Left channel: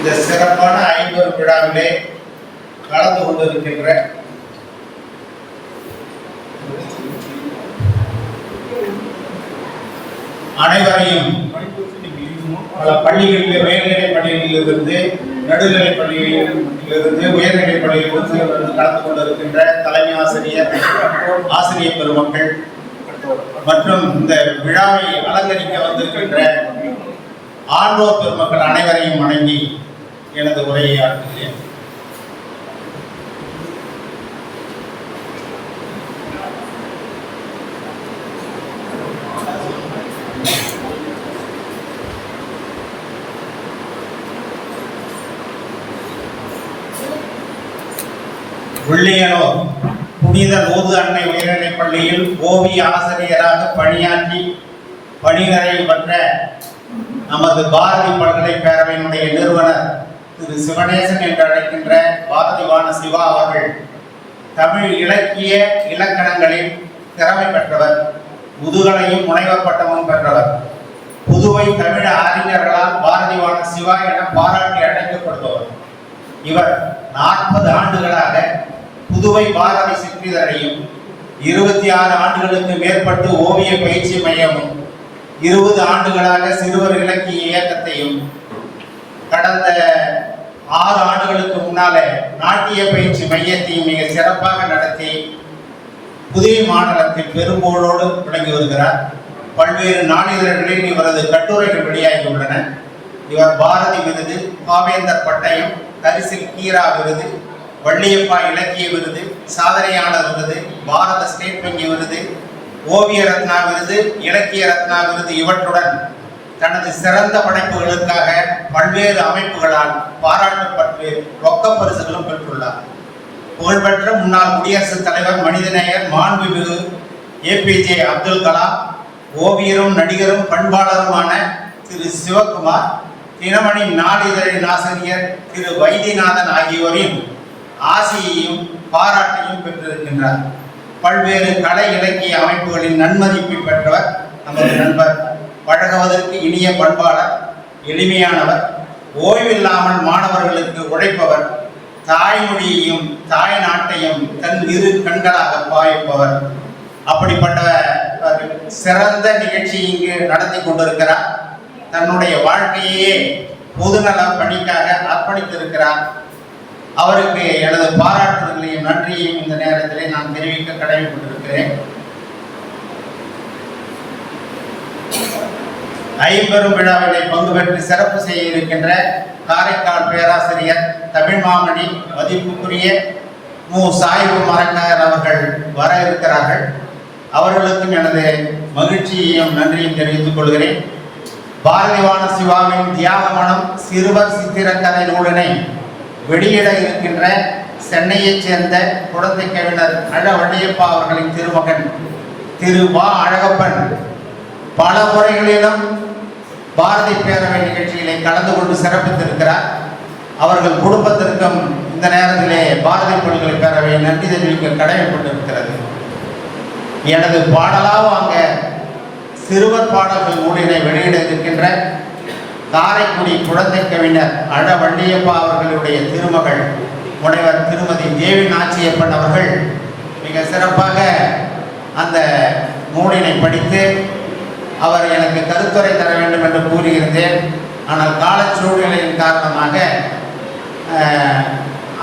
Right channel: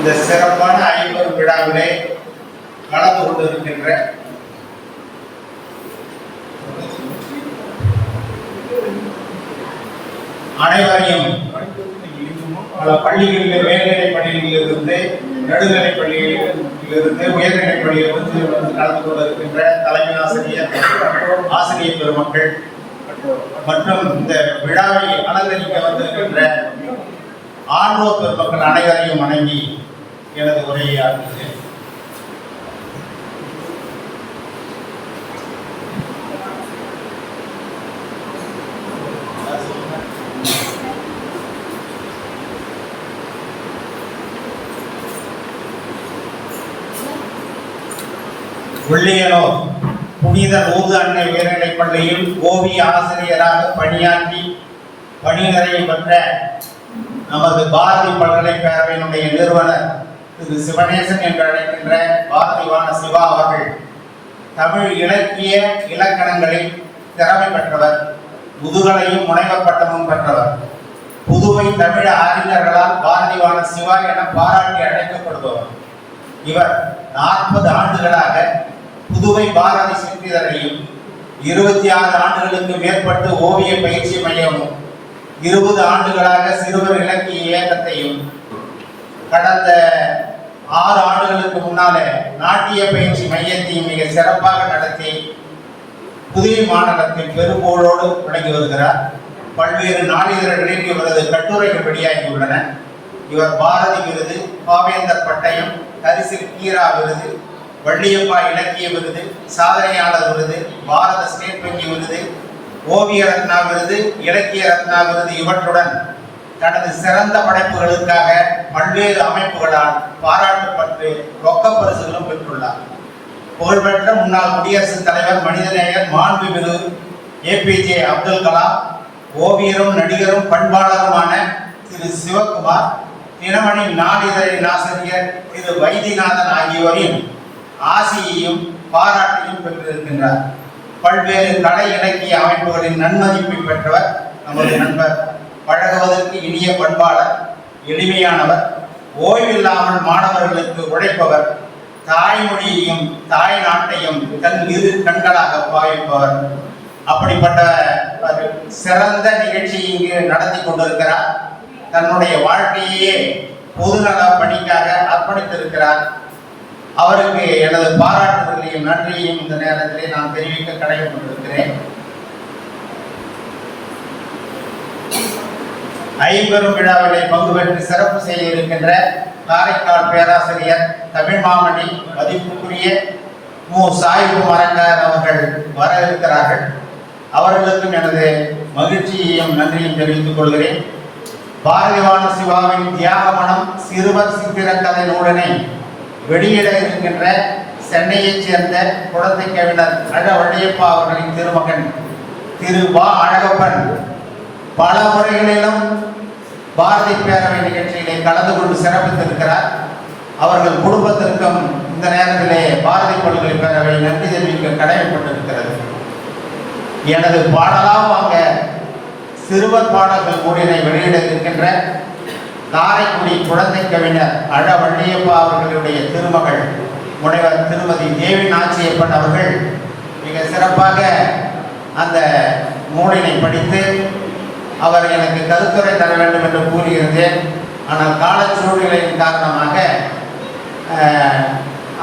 இந்த சிறப்பான ஐம்பெரும் விழாவிலே கலந்து கொண்டிருக்கின்ற அனைவரையும் பள்ளிகளில் மேல்நிலை பள்ளியிலிருந்து நடுநிலை பள்ளியிலிருந்து உயர்நிலை பள்ளியிலிருந்து கலந்து கொண்டிருக்கின்ற தலைமை ஆசிரியர் ஆசிரியர் பெருமக்கள் மற்றும் இந்த விழாவை அலங்கரிக்க வந்திருக்கின்ற ஆண்டோர் பெருமக்கள் அனைவரையும் வணங்கி எனது உரையை ஆற்றுகிறேன். வெள்ளியனூர் புனித லூர்து அன்னை உயர்நிலைப் பள்ளியில் ஓவிய ஆசிரியராக பணியாற்றி பணி நிறைவு பெற்ற நமது பாரதி பல்கலைக்கழகத்தினுடைய நிறுவனர் திரு சிவனேசன் என்று அழைக்கின்ற பாரதிவான சிவா அவர்கள் தமிழ் இலக்கிய இலக்கணங்களில் திறமை பெற்றவர், முதுகலையும் முனைவர் பட்டமும் பெற்றவர். புதுவை தமிழ் அறிஞர்களால் பாரதிவான சிவா என பாராட்டி அழைக்கப்படுபவர். இவர் 40 ஆண்டுகளாக புதுவை பாரதி சிற்றிதழையும் 26 ஆண்டுகளுக்கு மேற்பட்டு ஓவிய பயிற்சி மையமும் 20 ஆண்டுகளாக சிறுவர் இலக்கிய இயக்கத்தையும் கடந்த 6 ஆண்டுகளுக்கு முன்னால நாட்டிய பயிற்சி மையத்தையும் மிக சிறப்பாக நடத்தி புதுவை மாநிலத்தில் பெரும்போழோடு விளங்கி வருகிறார். பல்வேறு நாளிதழ்களில் இவரது கட்டுரைகள் வெளியாகியுள்ளன. இவர் பாரதி விருது, பாவேந்தர் பட்டயம், கரிசில் கீரா விருது, வள்ளியப்பா இலக்கிய விருது, சாதனையாளர் விருது, பாரத ஸ்டேட் வங்கி விருது, ஓவிய ரத்னா விருது, இலக்கிய ரத்னா விருது இவற்றுடன் தனது சிறந்த படைப்புகளுக்காக பல்வேறு அமைப்புகளால் பாராட்டப்பட்டு ரொக்க பரிசுகளும் பெற்றுள்ளார். புகழ்பெற்ற முன்னாள் குடியரசுத் தலைவர், மனிதநேயர், மாண்புமிகு APJ அப்துல் கலாம், ஓவியரும் நடிகரும் பண்பாளருமான திரு சிவகுமார், தினமணி நாளிதழின் ஆசிரியர் திரு வைத்தியநாதன் ஆகியோரின் ஆசியையும் பாராட்டையும் பெற்றிருக்கின்றார். பல்வேறு கலை இலக்கிய அமைப்புகளின் நன்மதிப்பை பெற்றவர் நமது நண்பர். பழகுவதற்கு இனிய பண்பாளர், எளிமையானவர், ஓய்வில்லாமல் மாணவர்களுக்கு உழைப்பவர், தாய்மொழியையும் தாய் நாட்டையும் தன் இரு கண்களாக பாவிப்பவர். அப்படிப்பட்ட சிறந்த நிகழ்ச்சி இங்கு நடத்தி கொண்டிருக்கிறார். தன்னுடைய வாழ்க்கையே பொதுநல பணிக்காக அர்ப்பணித்திருக்கிறார். அவருக்கு எனது பாராட்டுதலையும் நன்றியையும் இந்த நேரத்திலே நான் தெரிவிக்க கடமைப்பட்டிருக்கிறேன். ஐம்பெரும் விழாவிலே பங்கு பெற்று சிறப்பு செய்ய இருக்கின்ற காரைக்கால் பேராசிரியர், தமிழ் மாமணி, மதிப்புக்குரிய மு. சாயிபு மரக்கார் அவர்கள் வர இருக்கிறார்கள். அவர்களுக்கும் எனது மகிழ்ச்சியையும் நன்றியும் தெரிவித்துக் கொள்கிறேன். பாரதிவான சிவாவின் தியாக மனம் சிறுவர் சித்திரக்கதை நூலினை வெளியிட இருக்கின்ற சென்னையைச் சேர்ந்த குழந்தை கவிஞர் அழ வள்ளியப்பா அவர்களின் திருமகன் திரு வா அழகப்பன் பல முறைகளிலும் பாரதி பேரவை நிகழ்ச்சிகளை கலந்து கொண்டு சிறப்பித்திருக்கிறார். அவர்கள் குடும்பத்திற்கும் இந்த நேரத்திலே பாரதி பல்கலைக்கழக நன்றி தெரிவிக்க கடமைப்பட்டிருக்கிறது. எனது பாடலாம் அங்க சிறுவர் பாடல்கள் நூலினை வெளியிட இருக்கின்ற காரைக்குடி குழந்தை கவிஞர் அழ வள்ளியப்பா அவர்களுடைய திருமகள் முனைவர் திருமதி தேவி நாச்சியப்பன் அவர்கள் மிக சிறப்பாக அந்த நூலினை படித்து அவர் எனக்கு கருத்துரை தர வேண்டும் என்று கூறியிருந்தேன். ஆனால் காலச்சூழ்நிலையின் காரணமாக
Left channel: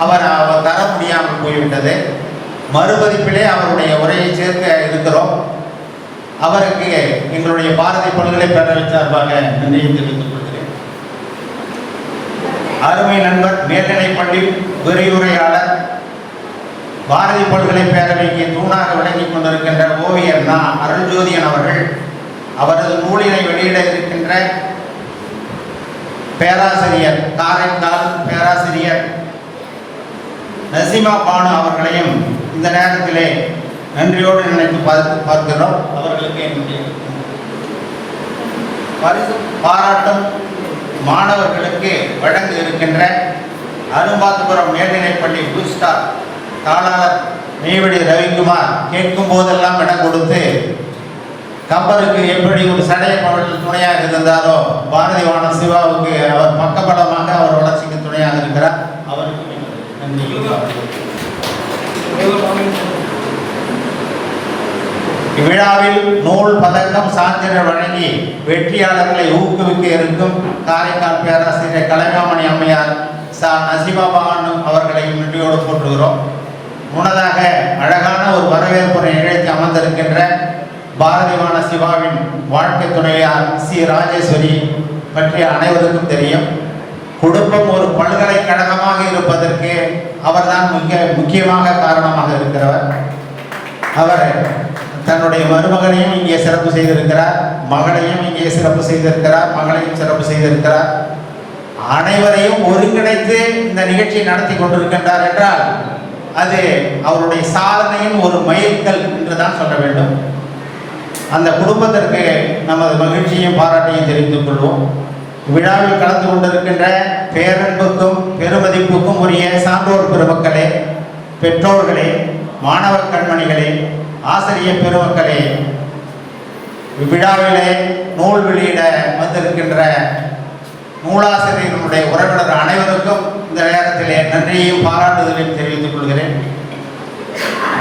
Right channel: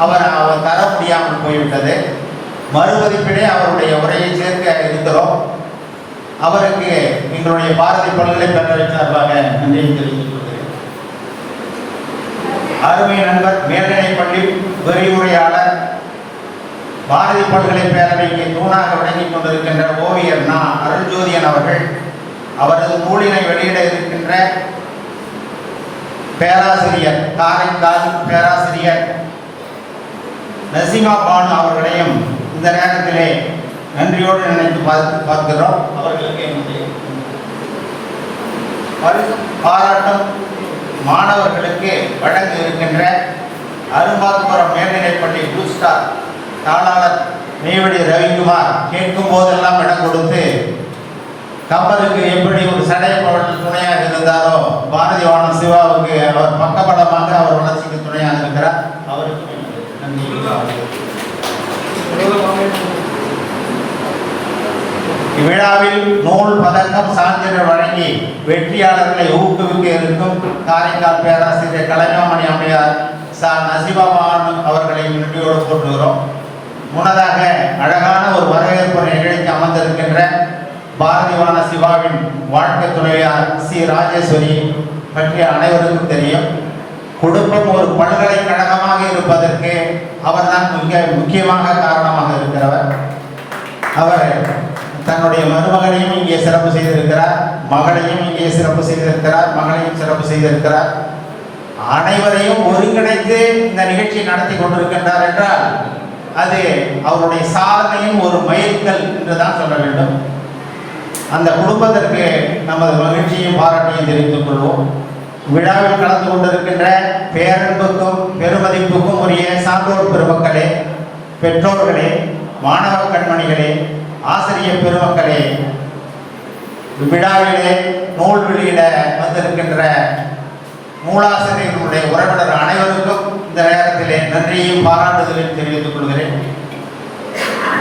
அவர் தர முடியாமல் போய்விட்டது. மறுபதிப்பிலே அவருடைய உரையை சேர்க்க இருக்கிறோம். அவருக்கு எங்களுடைய பாரதி பல்கலைக்கழக சார்பாக நன்றி தெரிவித்துக் கொள்கிறேன். அருமை நண்பர், மேல்நிலைப்பள்ளி விரிவுரையாளர், பாரதி பல்கலை பேரவைக்கு தூணாக விளங்கிக் கொண்டிருக்கின்ற ஓவியர் நா. அருள்ஜோதியன் அவர்கள் அவரது நூலினை வெளியிட இருக்கின்ற பேராசிரியர், காரைக்கால் பேராசிரியர் நசிமா பானு அவர்களையும் இந்த நேரத்திலே நன்றியோடு நினைத்து பார்க்கிறோம். அவர்களுக்கு என்னுடைய பாராட்டும் மாணவர்களுக்கு வழங்க இருக்கின்ற அரும்பாத்துபுரம் மேல்நிலைப்பள்ளி ப்ளூ ஸ்டார் தாளாளர் நெய்வடி ரவிக்குமார் கேட்கும் போதெல்லாம் இடம் கொடுத்து கம்பருக்கு எப்படி ஒரு சடைய துணையாக இருந்தாரோ பாரதிவான சிவாவுக்கு அவர் பக்கபலமாக அவர் வளர்ச்சிக்கு வெற்றியாளர்களை ஊக்குவிக்க இருக்கும் காரைக்கால் பேராசிரியர் கலைமாமணி அம்மையார் நசிபாபான் அவர்களை நன்றியோடு போட்டுகிறோம். முன்னதாக அழகான ஒரு வரவேற்புரை நிகழ்ச்சி அமர்ந்திருக்கின்ற பாரதிவான சிவாவின் வாழ்க்கை துணையார் சி ராஜேஸ்வரி பற்றிய அனைவருக்கும் தெரியும். குடும்பம் ஒரு பல்கலைக்கழகமாக இருப்பதற்கு அவர்தான் முக்கியமாக காரணமாக இருக்கிறவர். அவர் தன்னுடைய மருமகனையும் இங்கே சிறப்பு செய்திருக்கிறார், மகளையும் இங்கே சிறப்பு செய்திருக்கிறார், மகளையும் சிறப்பு செய்திருக்கிறார். அனைவரையும் ஒருங்கிணைத்து இந்த நிகழ்ச்சியை நடத்தி கொண்டிருக்கின்றார் என்றால் அது அவருடைய சாதனையும் ஒரு மைல்கல் என்றுதான் சொல்ல வேண்டும். அந்த குடும்பத்திற்கு நமது மகிழ்ச்சியும் பாராட்டையும் தெரிவித்துக் கொள்வோம். விழாவில் கலந்து கொண்டிருக்கின்ற பேரன்புக்கும் பெருமதிப்புக்கும் உரிய சான்றோர் பெருமக்களே, பெற்றோர்களே, மாணவ கண்மணிகளே, ஆசிரியர் பெருமக்களே, இவ்விழாவிலே நூல் வெளியிட வந்திருக்கின்ற நூலாசிரியர்களுடைய உறவினர் அனைவருக்கும் இந்த நேரத்திலே நன்றியையும் பாராட்டுதலையும் தெரிவித்துக் கொள்கிறேன்.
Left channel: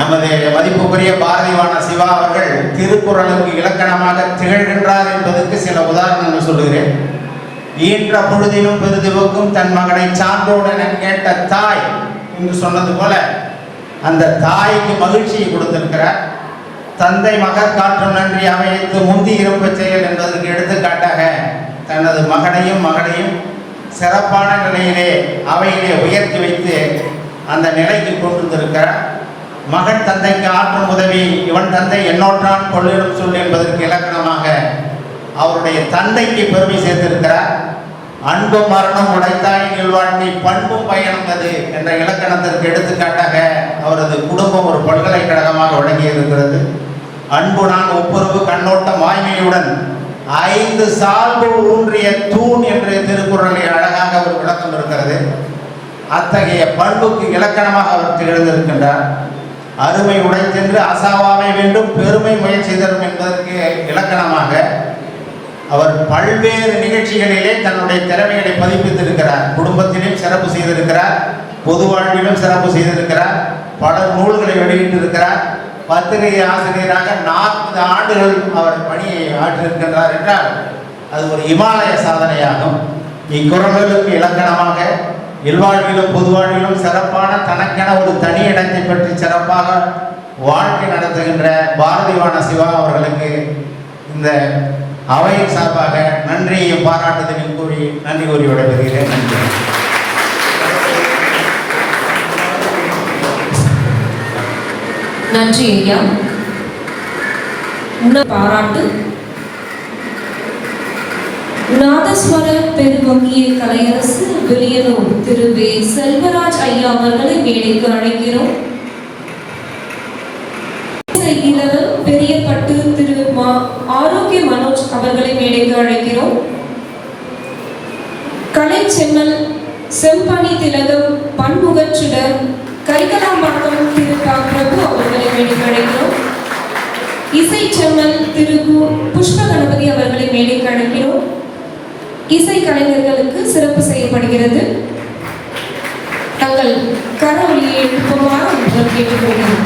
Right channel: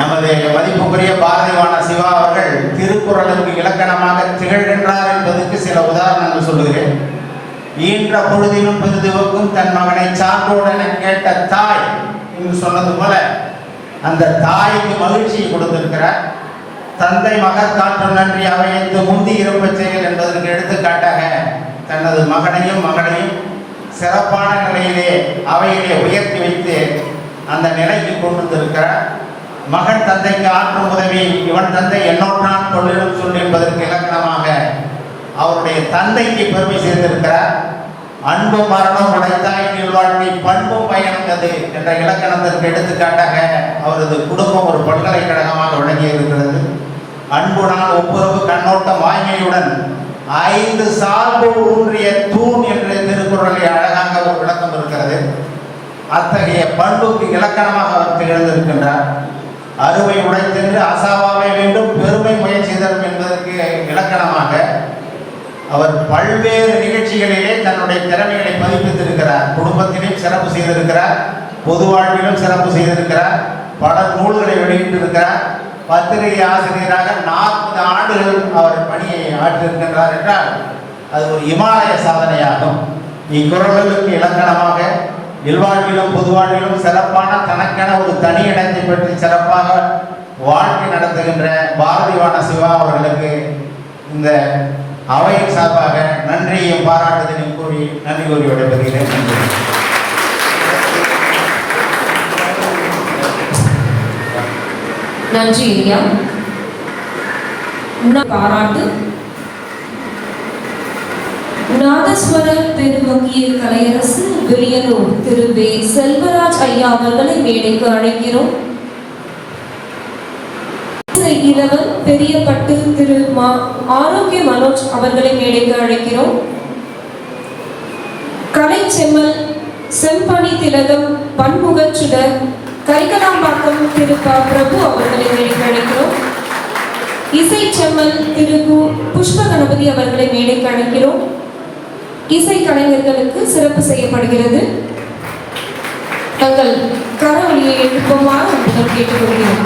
நமது மதிப்புக்குரிய பாரதிவான சிவா அவர்கள் திருக்குறளுக்கு இலக்கணமாக திகழ்கின்றார் என்பதற்கு சில உதாரணங்கள் சொல்லுகிறேன். ஈன்ற பொழுதிலும் பெருதுவுக்கும் தன் மகனை சான்றோடு என கேட்ட தாய் என்று சொன்னது போல அந்த தாய்க்கு மகிழ்ச்சியை கொடுத்திருக்கிறார். தந்தை மகர் காற்று நன்றி அவையத்து முந்தி இருப்ப செயல் என்பதற்கு எடுத்துக்காட்டாக தனது மகனையும் சிறப்பான நிலையிலே அவையிலே உயர்த்தி வைத்து அந்த நிலைக்கு கொண்டு வந்திருக்கிறார். மகன் தந்தைக்கு ஆற்றும் உதவி இவன் தந்தை என்னோற்றான் கொள்ளிடும் சொல் என்பதற்கு இலக்கணமாக அவருடைய தந்தைக்கு பெருமை சேர்த்திருக்கிறார். அன்பு மரணம் உடைத்தாய் வாழ்க்கை பண்பும் பயணந்தது என்ற இலக்கணத்திற்கு எடுத்துக்காட்டாக அவரது குடும்பம் ஒரு பல்கலைக்கழகமாக விளங்கியிருக்கிறது. அன்புடன் ஒப்புரவு கண்ணோட்டம் வாய்மையுடன் 5 சால்பு ஊன்றிய தூண் என்று திருக்குறளில் அழகாக ஒரு விளக்கம் இருக்கிறது. அத்தகைய பண்புக்கு இலக்கணமாக அவர் திகழ்ந்திருக்கின்றார். அருமை உடைத்தென்று அசாவாமை வேண்டும் பெருமை முயற்சி தரும் என்பதற்கு இலக்கணமாக அவர் பல்வேறு நிகழ்ச்சிகளிலே தன்னுடைய திறமைகளை பதிப்பித்திருக்கிறார். குடும்பத்திலும் சிறப்பு செய்திருக்கிறார், பொது வாழ்விலும் சிறப்பு செய்திருக்கிறார், பல நூல்களை வெளியிட்டிருக்கிறார். பத்திரிகை ஆசிரியராக 40 ஆண்டுகள் அவர் பணியை ஆற்றிருக்கின்றார் என்றால் அது ஒரு இமாலய சாதனையாகும். இக்குறளுக்கு இலக்கணமாக இல்வாழ்விலும் பொது வாழ்விலும் சிறப்பான தனக்கென ஒரு தனி இடத்தை பற்றி சிறப்பாக வாழ்க்கை நடத்துகின்ற பாரதிவான சிவா அவர்களுக்கு இந்த அவையின் சார்பாக நன்றியையும் பாராட்டுதலையும் கூறி நன்றி கூறி விடைபெறுகிறேன். நன்றி ஐயா. பாராட்டு நாதஸ்வர பெருவங்கிய கலையரசு விரியனூர் திரு வே செல்வராஜ் ஐயா அவர்களை மேடைக்கு அழைக்கிறோம். இளவல் பெரியப்பட்டு திரு ஆரோக்கிய மனோஜ் அவர்களை மேடைக்கு அழைக்கிறோம். கலை செம்மல் செம்பணி திலகம் பன்முகச்சுடர் கரிகலாம்பாக்கம் திரு பிரபு அவர்களை மேடைக்கு அழைக்கிறோம். இசை செம்மல் திரு புஷ்ப கணபதி அவர்களை மேடைக்கு அழைக்கிறோம். இசை கலைஞர்களுக்கு சிறப்பு செய்யப்படுகிறது. தங்கள் கரவொலியை எழுப்புமாறு கேட்டுக்கொள்கிறோம்.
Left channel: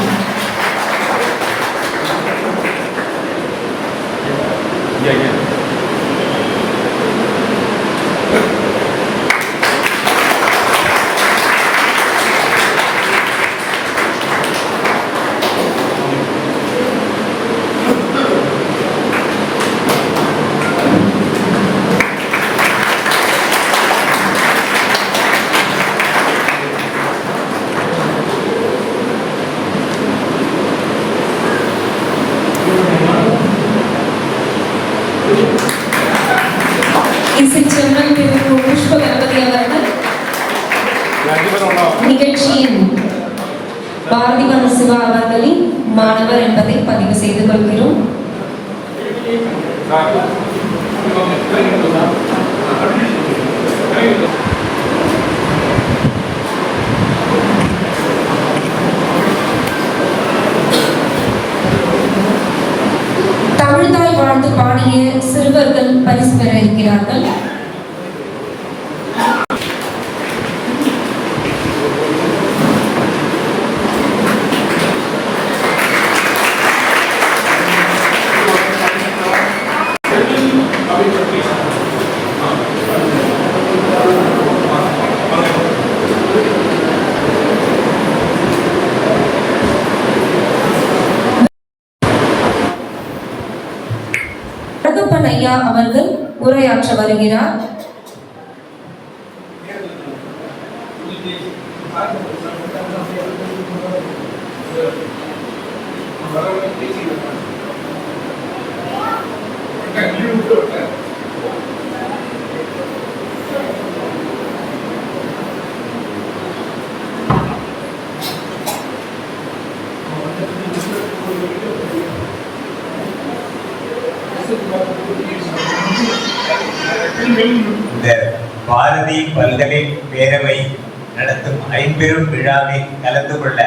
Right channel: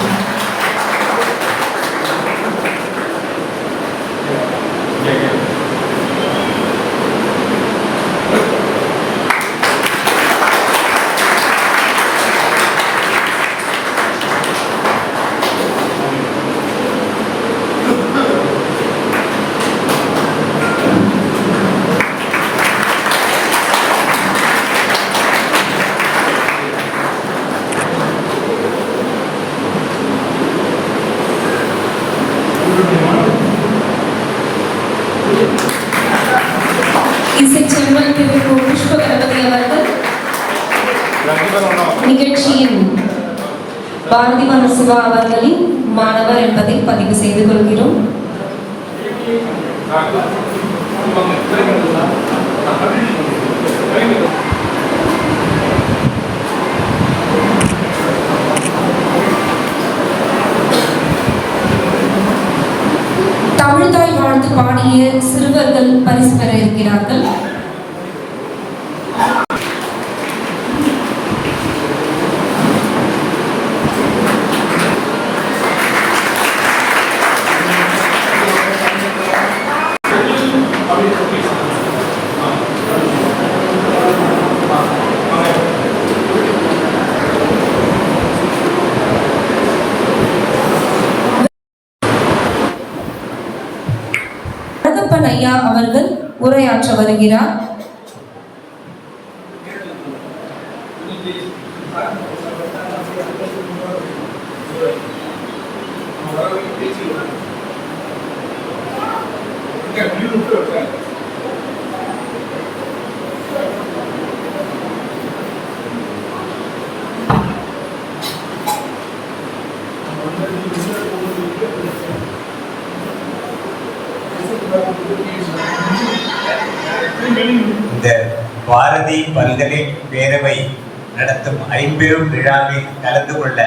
நிகழ்ச்சியின் பாரதிவான சிவா அவர்களின் மாணவர் என்பதை பதிவு செய்து கொள்கிறோம். தமிழ்தாய் வாழ்ந்து பாடிய சிறுவர்கள் பரிசு பெற இருக்கிறார்கள். உரையாற்ற வருகிறார். இந்த பாரதி பல்கலை பேரவை நடத்தும் ஐம்பெரும் விழாவில் கலந்து கொள்ள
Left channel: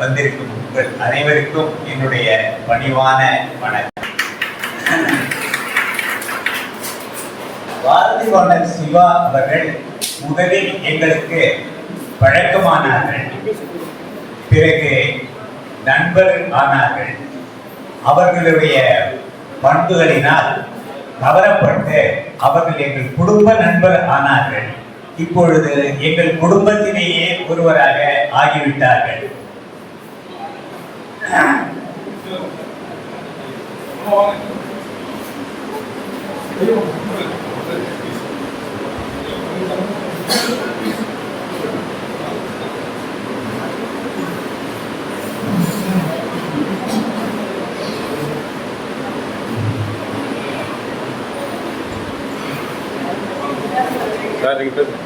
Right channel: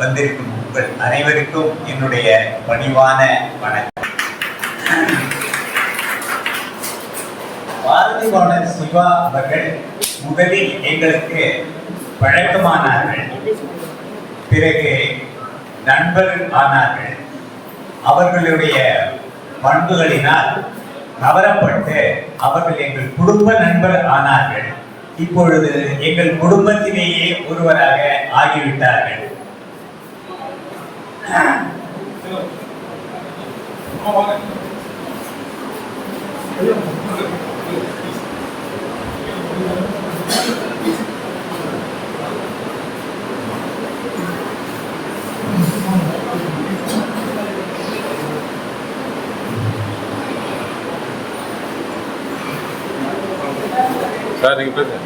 வந்திருக்கும் உங்கள் அனைவருக்கும் என்னுடைய பணிவான வணக்கம். பாரதிவாணர் சிவா அவர்கள் முதலில் எங்களுக்கு பழக்கமானார்கள், பிறகு நண்பர் ஆனார்கள். அவர்களுடைய பண்புகளினால் கவரப்பட்டு அவர்கள் எங்கள் குடும்ப நண்பர் ஆனார்கள். இப்பொழுது எங்கள் குடும்பத்திலேயே ஒருவராக ஆகிவிட்டார்கள். சார் நீங்க பேசுங்க.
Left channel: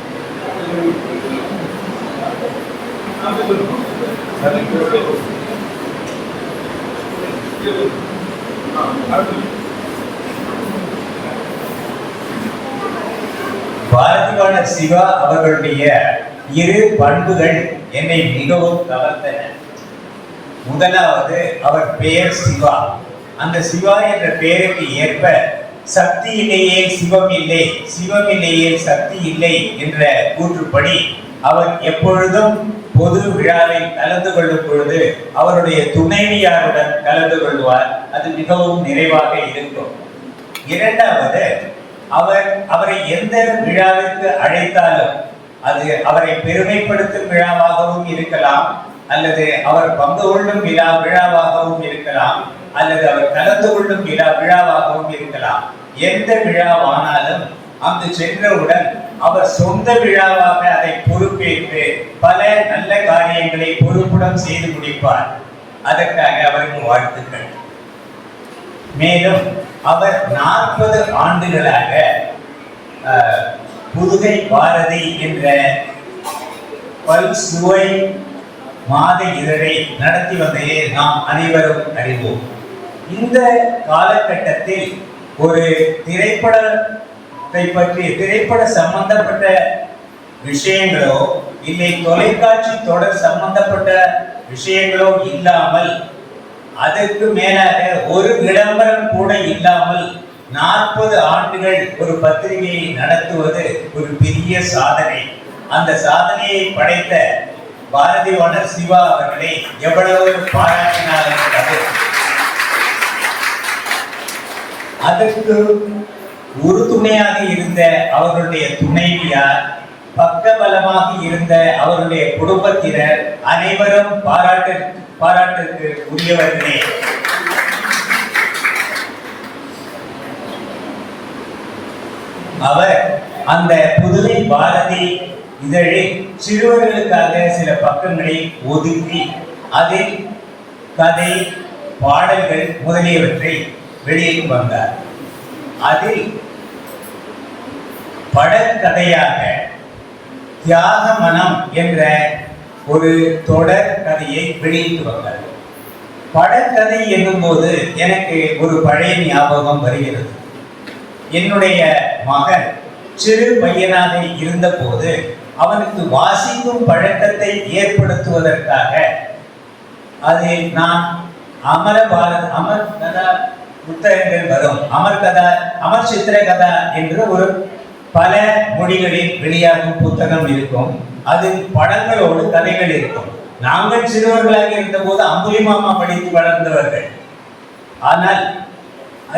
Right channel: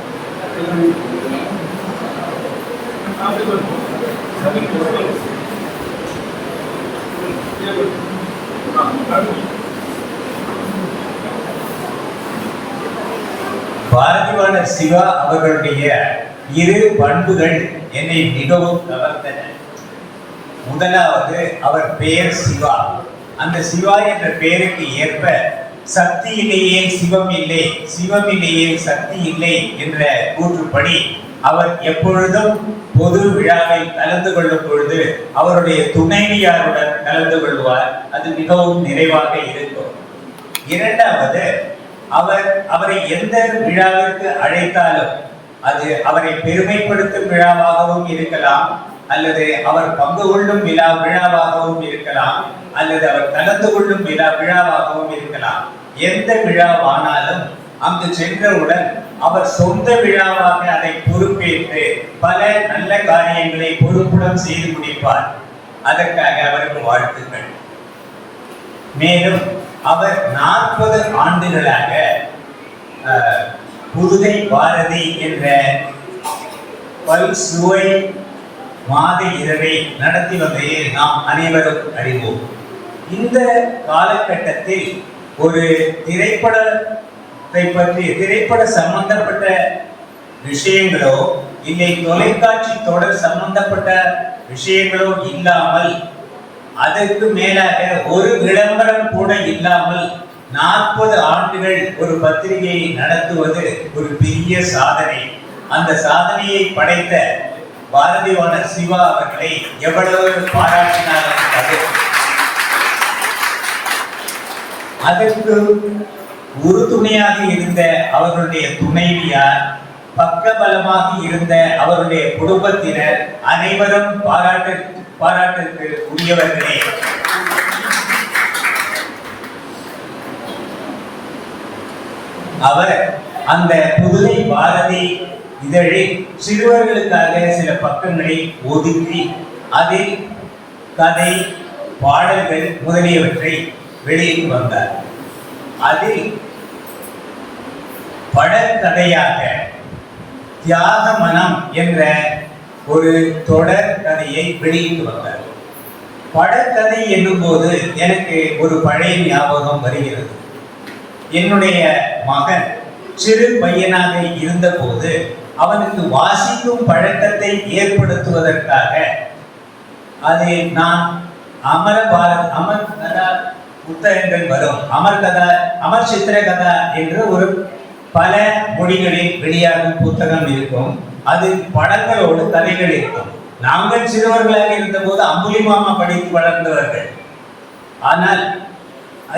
பாரதிவாணர் சிவா அவர்களுடைய இரு பண்புகள் என்னை மிகவும் கவர்ந்தன. முதலாவது, அவர் பெயர் சிவா. அந்த சிவா என்ற பெயருக்கு ஏற்ப சக்தியிலேயே சிவம் இல்லை, சிவம் இல்லையே சக்தி இல்லை என்ற கூற்றுப்படி அவர் எப்பொழுதும் பொது விழாவில் கலந்து கொள்ளும் பொழுது அவருடைய துணைவியாருடன் கலந்து கொள்வார். அது மிகவும் நிறைவாக இருக்கும். இரண்டாவது, அவரை எந்த விழாவிற்கு அழைத்தாலும் அது அவரை பெருமைப்படுத்தும் விழாவாகவும் இருக்கலாம், அல்லது அவர் பங்கு கொள்ளும் விழாவாகவும் இருக்கலாம், அல்லது அவர் கலந்து கொள்ளும் விழாவாகவும் இருக்கலாம். எந்த விழாவானாலும் அங்கு சென்றவுடன் அவர் சொந்த விழாவாக அதை பொறுப்பேற்று பல நல்ல காரியங்களை பொறுப்புடன் செய்து முடிப்பார். அதற்காக அவருக்கு வாழ்த்துக்கள். மேலும் அவர் 40 ஆண்டுகளாக புதுகை பாரதி என்ற பல்சுவை மாத இதழை நடத்தி வந்ததை நாம் அனைவரும் அறிவோம். இந்த காலகட்டத்தில் ஒரு திரைப்படத்தை பற்றி, திரைப்பட சம்பந்தப்பட்ட விஷயங்களோ இல்லை தொலைக்காட்சி தொடர் சம்பந்தப்பட்ட விஷயங்களோ இல்லாமல், அதற்கு மேலாக ஒரு விளம்பரம் கூட இல்லாமல் 40 ஆண்டுகள் ஒரு பத்திரிகையை நடத்துவது ஒரு பெரிய சாதனை. அந்த சாதனையை படைத்த பாரதிவாணர் சிவா அவர்களை எவ்வளவு பாராட்டினாலும் அதற்கு உறுதுணையாக இருந்த அவர்களுடைய துணைவியார், பக்கபலமாக இருந்த அவருடைய குடும்பத்தினர் அனைவரும் பாராட்டிற்கு உரியவர்களே. அவர் அந்த புதுகை பாரதி இதழில் சிறுவர்களுக்காக சில பக்கங்களை ஒதுக்கி அதில் கதை, பாடல்கள் முதலியவற்றை வெளியிட்டு வந்தார். அதில் படக்கதையாக தியாக மனம் என்ற ஒரு தொடர் கதையை வெளியிட்டு வந்தார். படக்கதை என்னும் போது எனக்கு ஒரு பழைய ஞாபகம் வருகிறது. என்னுடைய மகன் சிறு பையனாக இருந்த போது அவனுக்கு வாசிக்கும் பழக்கத்தை ஏற்படுத்துவதற்காக அதை நான் அமர் கதா புத்தகங்கள் வரும், அமர் சித்திர கதா என்று ஒரு பல மொழிகளில் வெளியாகும் புத்தகம் இருக்கும். அது படங்களோடு கதைகள் இருக்கும். நாங்கள் சிறுவர்களாக இருந்த போது அம்புலிமாமா படித்து வளர்ந்தவர்கள். ஆனால்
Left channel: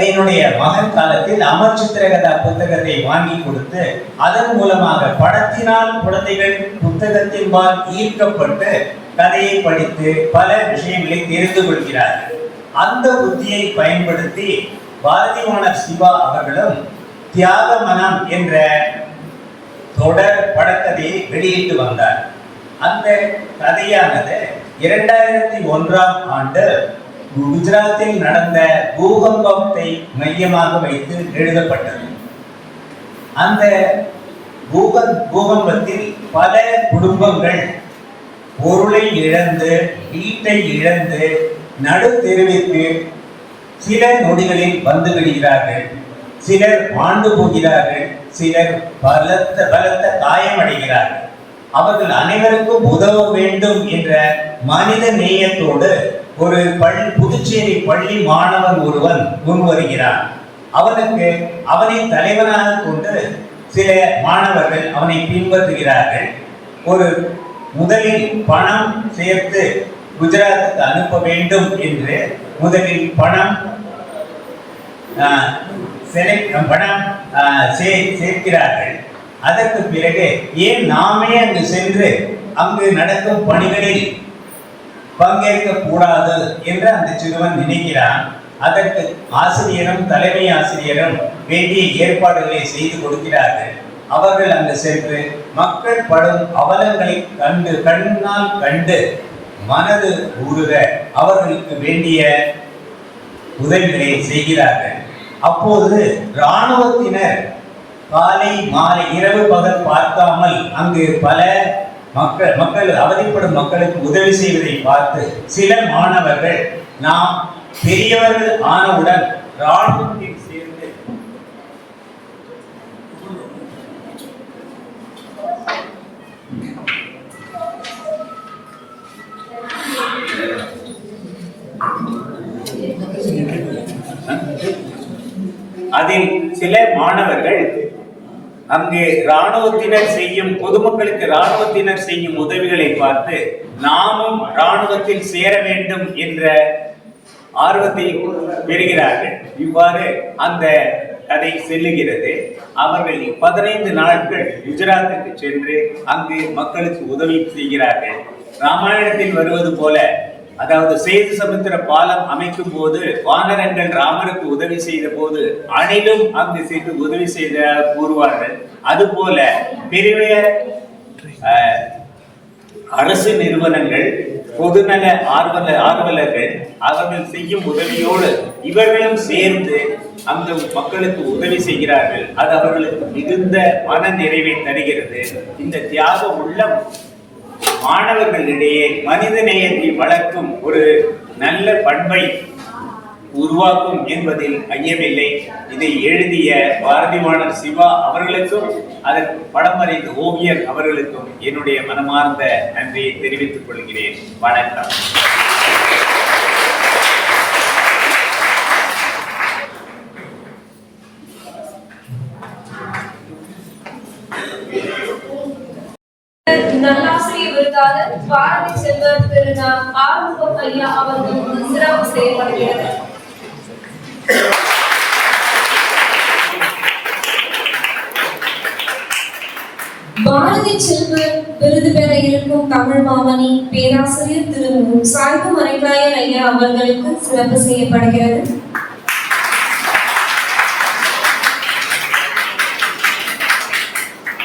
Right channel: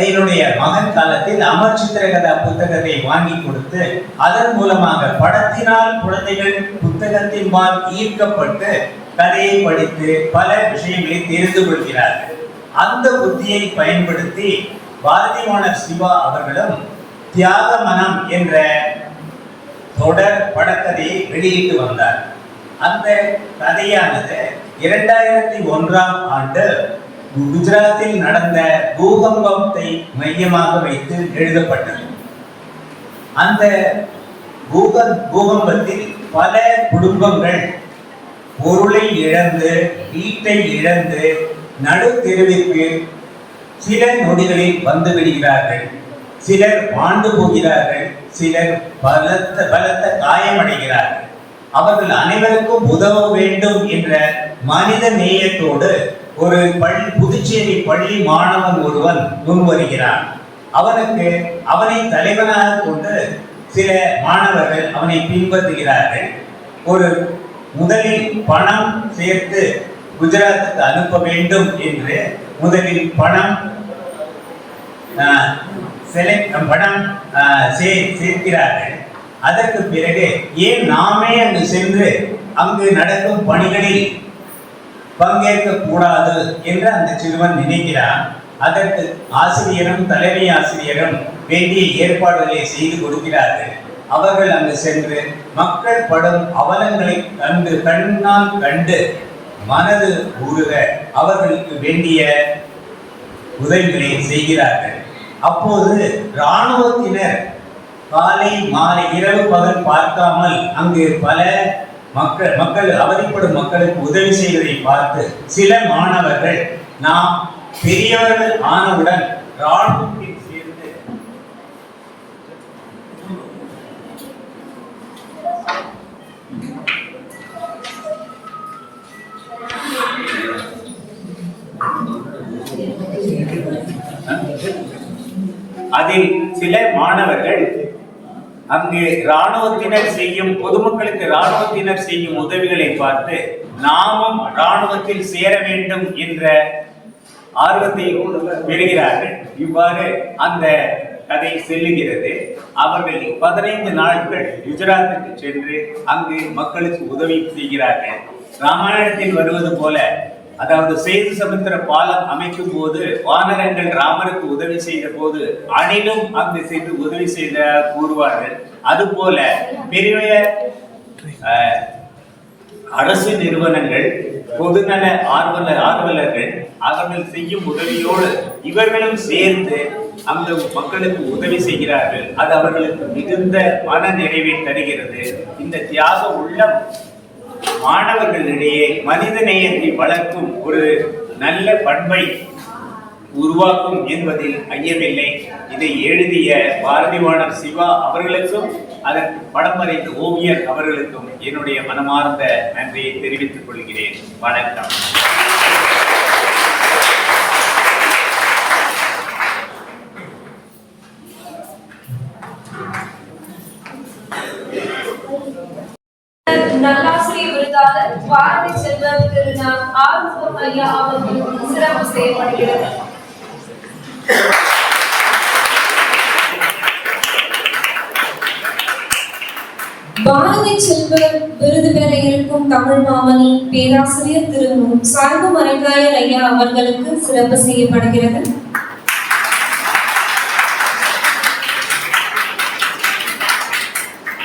என்னுடைய மகன் காலத்தில் அமர் சித்திரகதா புத்தகத்தை வாங்கி கொடுத்து அதன் மூலமாக படத்தினால் குழந்தைகள் புத்தகத்தின்பால் ஈர்க்கப்பட்டு கதையை படித்து பல விஷயங்களை தெரிந்து கொள்கிறார்கள். அந்த புத்தியை பயன்படுத்தி பாரதிவாணர் சிவா அவர்களும் தியாக மனம் என்ற தொடர் படக்கதையை வெளியிட்டு வந்தார். அந்த கதையானது 2001ஆம் ஆண்டு குஜராத்தில் நடந்த பூகம்பத்தை மையமாக வைத்து எழுதப்பட்டது. அந்த பூகம்பத்தில் பல குடும்பங்கள் பொருளை இழந்து, வீட்டை இழந்து நடு தெருவிற்கு சில நொடிகளில் வந்து விடுகிறார்கள். சிலர் வாழ்ந்து போகிறார்கள், சிலர் பலத்த காயமடைகிறார்கள். அவர்கள் அனைவருக்கும் உதவ வேண்டும் என்ற மனித நேயத்தோடு ஒரு புதுச்சேரி பள்ளி மாணவன் ஒருவன் முன்வருகிறான். அவனை தலைவனாக கொண்டு சில மாணவர்கள் அவனை பின்பற்றுகிறார்கள். முதலில் பணம் சேர்த்து குஜராத்துக்கு அனுப்ப வேண்டும் என்று முதலில் பணம் சேர்க்கிறார்கள். அதற்கு பிறகு ஏன் நாமே அங்கு சென்று அங்கு நடக்கும் பணிகளில் பங்கேற்க கூடாது என்று அந்த சிறுவன் நினைக்கிறான். அதற்கு ஆசிரியரும் தலைமை ஆசிரியரும் வேண்டிய ஏற்பாடுகளை செய்து கொடுக்கிறார்கள். அவர்கள் அங்கு சென்று மக்கள் படும் அவலங்களை கண்ணால் கண்டு மனது உருக அவர்களுக்கு வேண்டிய உதவிகளை செய்கிறார்கள். அப்போது இராணுவத்தினர் காலை மாலை இரவு பகல் பார்க்காமல் அங்கு பல மக்கள் அவதிப்படும் மக்களுக்கு உதவி செய்வதை பார்த்து சில மாணவர்கள் நாம் பெரியவர்கள் ஆனவுடன் இராணுவத்தில் சேர்ந்து அதில் சில மாணவர்கள் அங்கு இராணுவத்தினர் செய்யும் பொதுமக்களுக்கு இராணுவத்தினர் செய்யும் உதவிகளை பார்த்து நாமும் இராணுவத்தில் சேர வேண்டும் என்ற ஆர்வத்தை பெறுகிறார்கள். இவ்வாறு அந்த கதை செல்லுகிறது. அவர்கள் 15 நாட்கள் குஜராத்துக்கு சென்று அங்கு மக்களுக்கு உதவி செய்கிறார்கள். ராமாயணத்தில் வருவது போல, அதாவது சேது சமுத்திர பாலம் அமைக்கும் போது வானரங்கள் ராமருக்கு உதவி செய்த போது அணிலும் அங்கு சென்று உதவி செய்த கூறுவார்கள். அதுபோல பெரிய அரசு நிறுவனங்கள், பொதுநல ஆர்வலர்கள் அவர்கள் செய்யும் உதவியோடு இவர்களும் சேர்ந்து அந்த மக்களுக்கு உதவி செய்கிறார்கள். அது அவர்களுக்கு மிகுந்த மன நிறைவை தருகிறது. இந்த தியாக உள்ளம் மாணவர்களிடையே மனித நேயத்தை வளர்க்கும் ஒரு நல்ல பண்பை உருவாக்கும் என்பதில் ஐயமில்லை. இதை எழுதிய பாரதிவாணர் சிவா அவர்களுக்கும் அதற்கு படம் வரைந்த ஓவியர் அவர்களுக்கும் என்னுடைய மனமார்ந்த நன்றியை தெரிவித்துக் கொள்கிறேன். வணக்கம். நல்லாசிரியர் விருதாளர் பாரதி செல்வர் திரு ஆறுமுகம் ஐயா அவர்களுக்கு சிறப்பு செய்யப்படுகிறது. பாரதி செல்வர் விருது பெற இருக்கும் தமிழ் மாமணி பேராசிரியர் திரு சாய்பு மரைக்காயர் ஐயா அவர்களுக்கு சிறப்பு செய்யப்படுகிறது.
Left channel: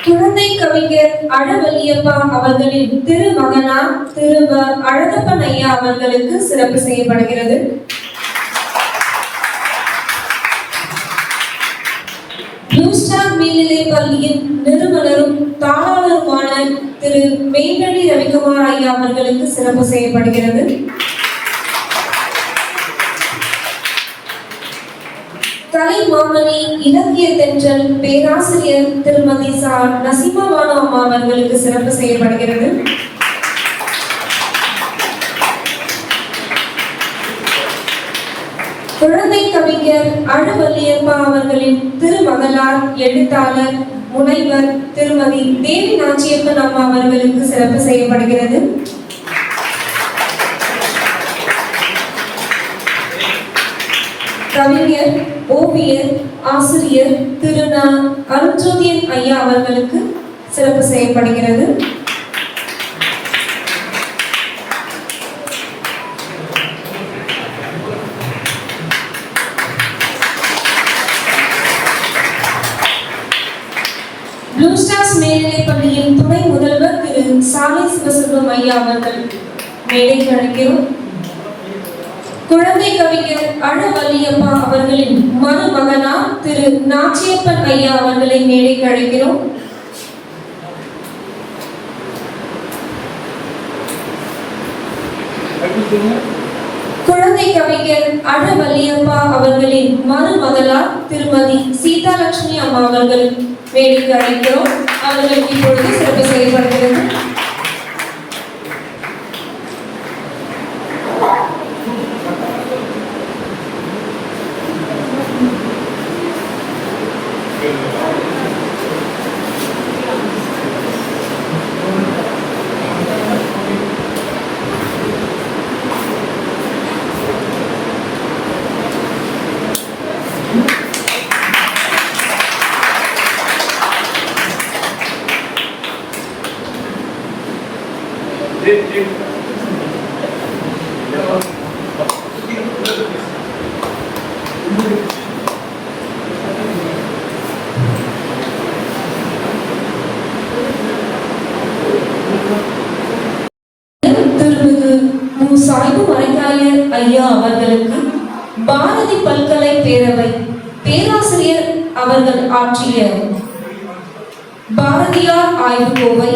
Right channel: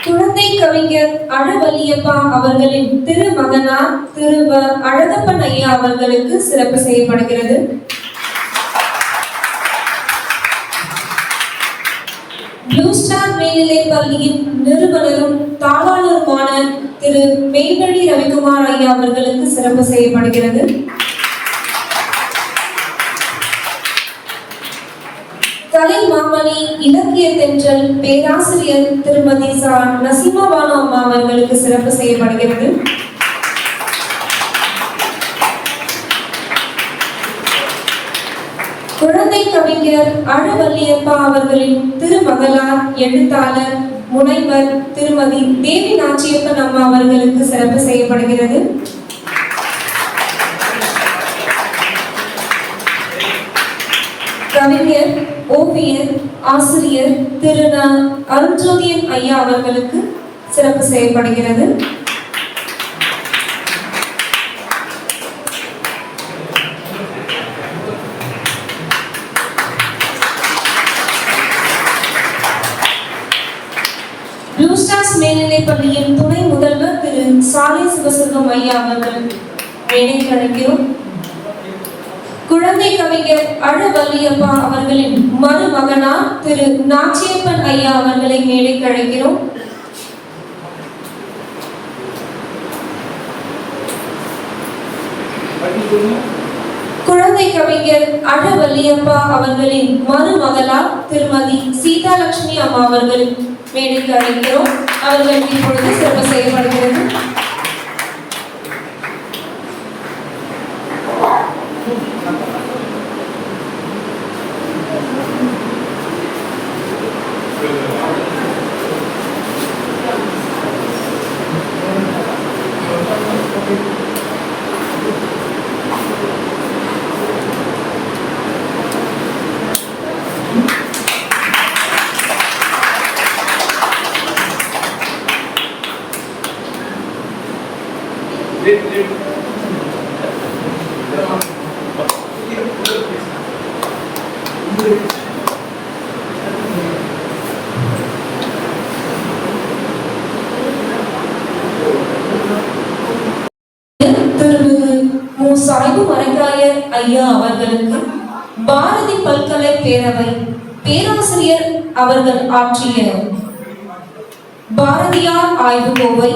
குழந்தை கவிஞர் அழவல்லியப்பா அவர்களின் திருமகனார் திரு அழகப்பன் ஐயா அவர்களுக்கு சிறப்பு செய்யப்படுகிறது. ப்ளூ ஸ்டார் மேல்நிலை பள்ளியின் நிறுவனரும் தாளாளருமான திரு மெய்வழி ரவிக்குமார் ஐயா அவர்களுக்கு சிறப்பு செய்யப்படுகிறது. கலை மாமணி இலக்கிய தென்றல் பேராசிரியர் திருமதி நசீமா பானு அம்மா அவர்களுக்கு சிறப்பு செய்யப்படுகிறது. குழந்தை கவிஞர் அழவல்லியப்பா அவர்களின் திருமகளார் எழுத்தாளர் முனைவர் திருமதி தேவி நாச்சியப்பன் அம்மா அவர்களுக்கு சிறப்பு செய்யப்படுகிறது. கவிஞர் ஓவியர் ஆசிரியர் திரு அருண்ஜோதியன் ஐயா அவர்களுக்கு சிறப்பு செய்யப்படுகிறது. ப்ளூ ஸ்டார்ஸ் மேல்நிலைப் பள்ளியின் துணை முதல்வர் திரு சாலை சிவசங்கம் ஐயா அவர்கள் மேடைக்கு அழைக்கிறோம். குழந்தை கவிஞர் அழவல்லியப்பா அவர்களின் மருமகனார் திரு நாச்சியப்பன் ஐயா அவர்களை மேடைக்கு அழைக்கிறோம். குழந்தை கவிஞர் அழவல்லியப்பா அவர்களின் மருமகளார் திருமதி சீதாலட்சுமி அம்மா அவர்கள் மேடைக்கு அழைக்கிறோம். அவர்களுக்கு இப்பொழுது சிறப்பு செய்யப்படுகிறது. திருமிகு மு. சாய்பு மரைக்காயர் ஐயா அவர்களுக்கு பாரதி பல்கலை பேரவை பேராசிரியர் அவர்கள் ஆற்றிய பாரதியார் ஆய்வுக்கோவை,